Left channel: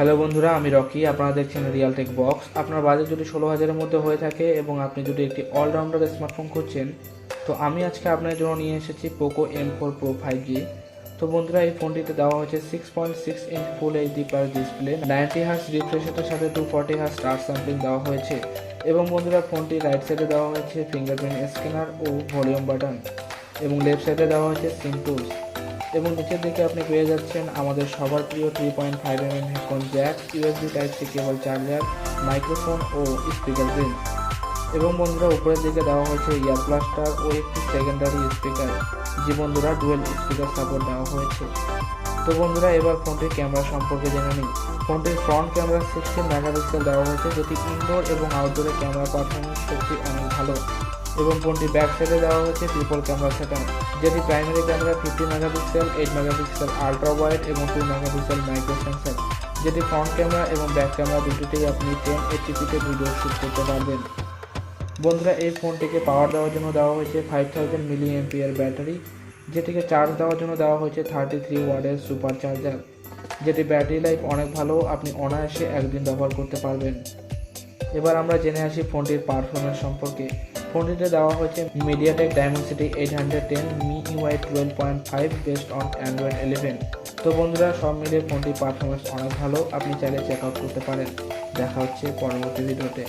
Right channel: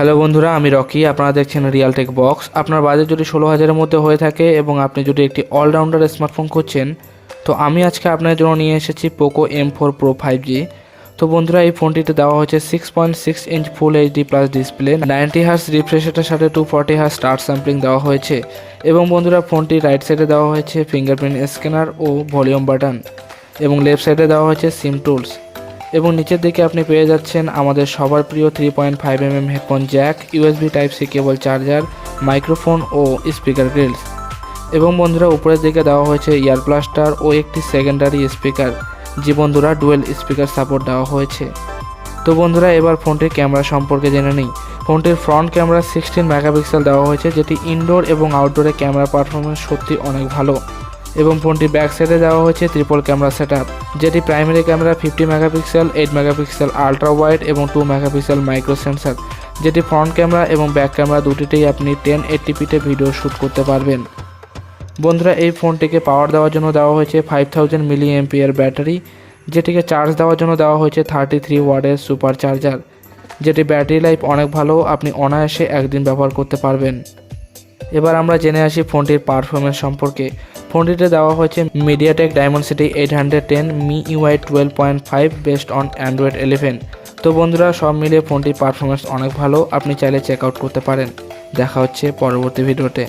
Hello বন্ধুরা, আমি Rocky. আপনারা দেখছেন রিয়াল টেক বক্স। আপনার বাজেট যদি 16,000-এর মধ্যে হয়ে থাকে এবং আপনি যদি একটি অলরাউন্ডার স্মার্টফোন খুঁজছেন, তো আমি আজকে আপনার জন্য নিয়ে এসেছি পোকো M4 Pro 5G। তো বন্ধুরা, এই ফোনটিতে দেওয়া হয়েছে 6.6 inch full HD plus display, 90 hertz refresh রেটের সাথে 240 হার্জ স্টার স্যাম্পলিং দেওয়া হয়েছে। এবং বন্ধুরা, ফোনটির রাইট সাইডে দেওয়া হয়েছে ফিঙ্গারপ্রিন্ট স্ক্যানার ও ভলিউম বাটন, এবং লেফট সাইডে দেওয়া হয়েছে সিম টুলস। এবং নিচের দিকে আপনি পেয়ে যাচ্ছেন আমাদের সবার প্রিয় 3.5mm headphone jack, USB type C cable charger, microphone ও স্পিকার গ্রিলস। এবং বন্ধুরা, উপরের দিকে দেওয়া হয়েছে ইয়ার ব্লাস্টার ও একটি সেকেন্ডারি স্পিকার। জি বন্ধুরা, ডুয়েল স্পিকার সাপোর্ট দেওয়া হয়েছে। তো বন্ধুরা, এবার ফোনটির ক্যামেরা সম্পর্কে জেনে নিই। ফোনটির ফ্রন্ট ক্যামেরা 16 মেগাপিক্সেল দেওয়া হয়েছে, যেটি ইনডোর এবং আউটডোরে ক্যামেরা পারফরমেন্স সত্যি অনেক ভালো। এবং ফোনটির ব্যাক সাইডে দেওয়া হয়েছে ট্রিপল ক্যামেরা সেটআপ, যেটি primary camera 50 megapixel, 8 megapixel ultra wide এবং 2 মেগাপিক্সেল মাইক্রো সেন্সর, যেটি ফ্রন্ট ক্যামেরা এবং ব্যাক ক্যামেরা দুটিতেই আপনি 1080p ভিডিও শ্যুট করতে পারবেন। বন্ধুরা, এই ফোনটিকে পাওয়ার দেওয়ার জন্য দেওয়া হয়েছে 5000 mAh ব্যাটারি, যেটিকে চার্জ দেওয়ার জন্য দেওয়া হয়েছে 33 ওয়াটের সুপার চার্জার, যেটি ব্যাটারি লাইফ অনেক ভালো, আপনি অনায়াসে একদিন ব্যবহার করতে পারবেন। এবার আমরা জেনে আসি ফোনটির পারফরমেন্স সম্পর্কে। ফোনটিতে দেওয়া হয়েছে MediaTek ডায়মন্ডসিটি 810 MIUI 12.5 based on Android 11। তো বন্ধুরা, সব মিলিয়ে ফোনটির পারফরমেন্স অনেক ভালো, আপনি চাইলে চেক আউট করতে পারেন। দেখা হচ্ছে পরবর্তী ভিডিওতে।